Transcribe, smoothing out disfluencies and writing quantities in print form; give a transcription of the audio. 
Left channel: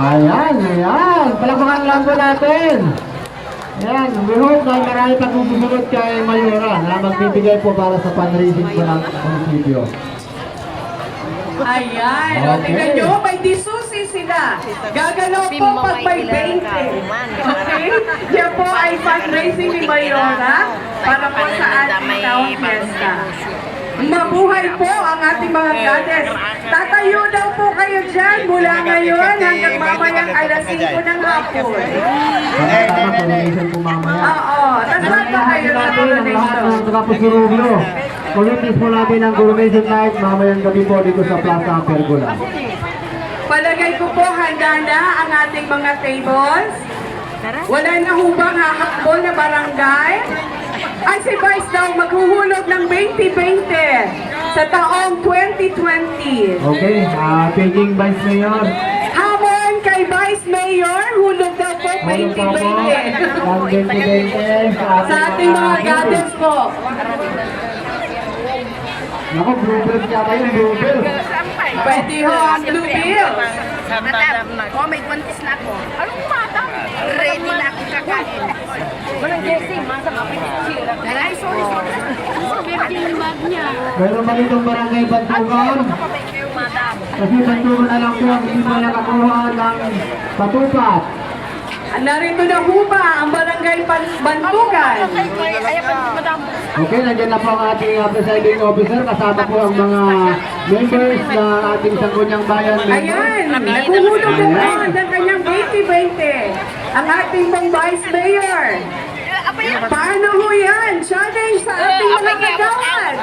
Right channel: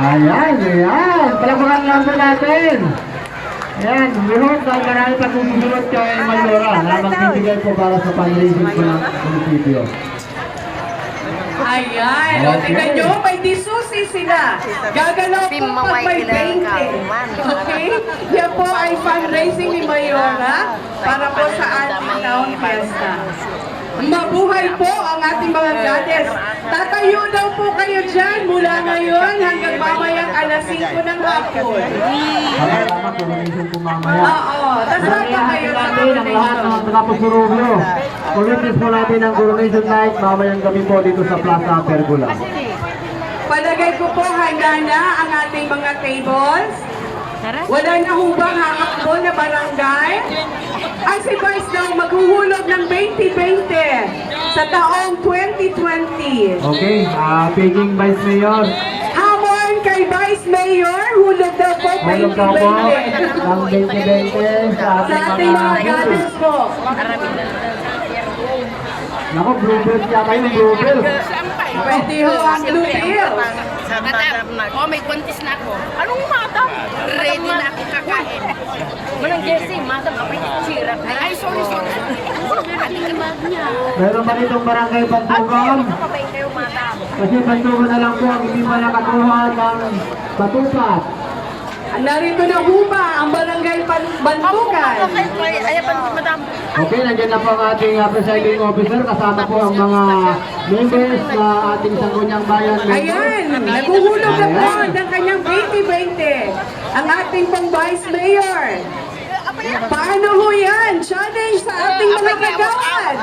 Ayan, ayan. Palabakan lang po natin. Ayan, buhok ng marami pa susunod kay Mayora na magbibigay po para sa fundraising sa munisipyo. Ayan, o tingnan nyo, may disusi sila. Gagalaw po pag may 20. Okay? Yan po ay fundraising ni Mayora para po sa ating tawang fiesta. Mabuhay po ang ating mga goddess. Tatayo daw po kayo dyan mula ngayon hanggang mamayang alas 5 ng hapon. Oo, tas nandun kayo sa donation. Mag-repress po natin ang donation night mamayang gabi po dito sa Plaza Pergola. Palagay ko po handa na ang ating mga tables. Wala na hubang hakakbo na barangay. Ay si Vice daw maghuhulog ng 2020 sa taong 2020. Okay, Peking Vice Mayor. Hamon kay Vice Mayor, hulog daw po Hulog daw po 2020. ng 2020 Sa ating mga goddess po. Naku, bluebird yata yung bluebird. Pwede ho ang blue pill. Madam, oh, may buntis na ako. Anong madam? Ready na ako kakain. Walang guessing, madam, ako yung sira. Ay, sorry. Meron pa ditong barangay Bantugan. Kasi Bantugan na lang po, hindi pa nakakuha ng patupat. Narito na ho ba ang barangay Bantugan? Okay, nandiyan na po ang ating presiding officer. Kasama po ang mga members na ating Sangguniang Bayan members. Ayan, naghuhulog na po ng kanyang 2020. Ang ating pong Vice Mayor. Paano ho yan? Challenge sa ating mga kagawad.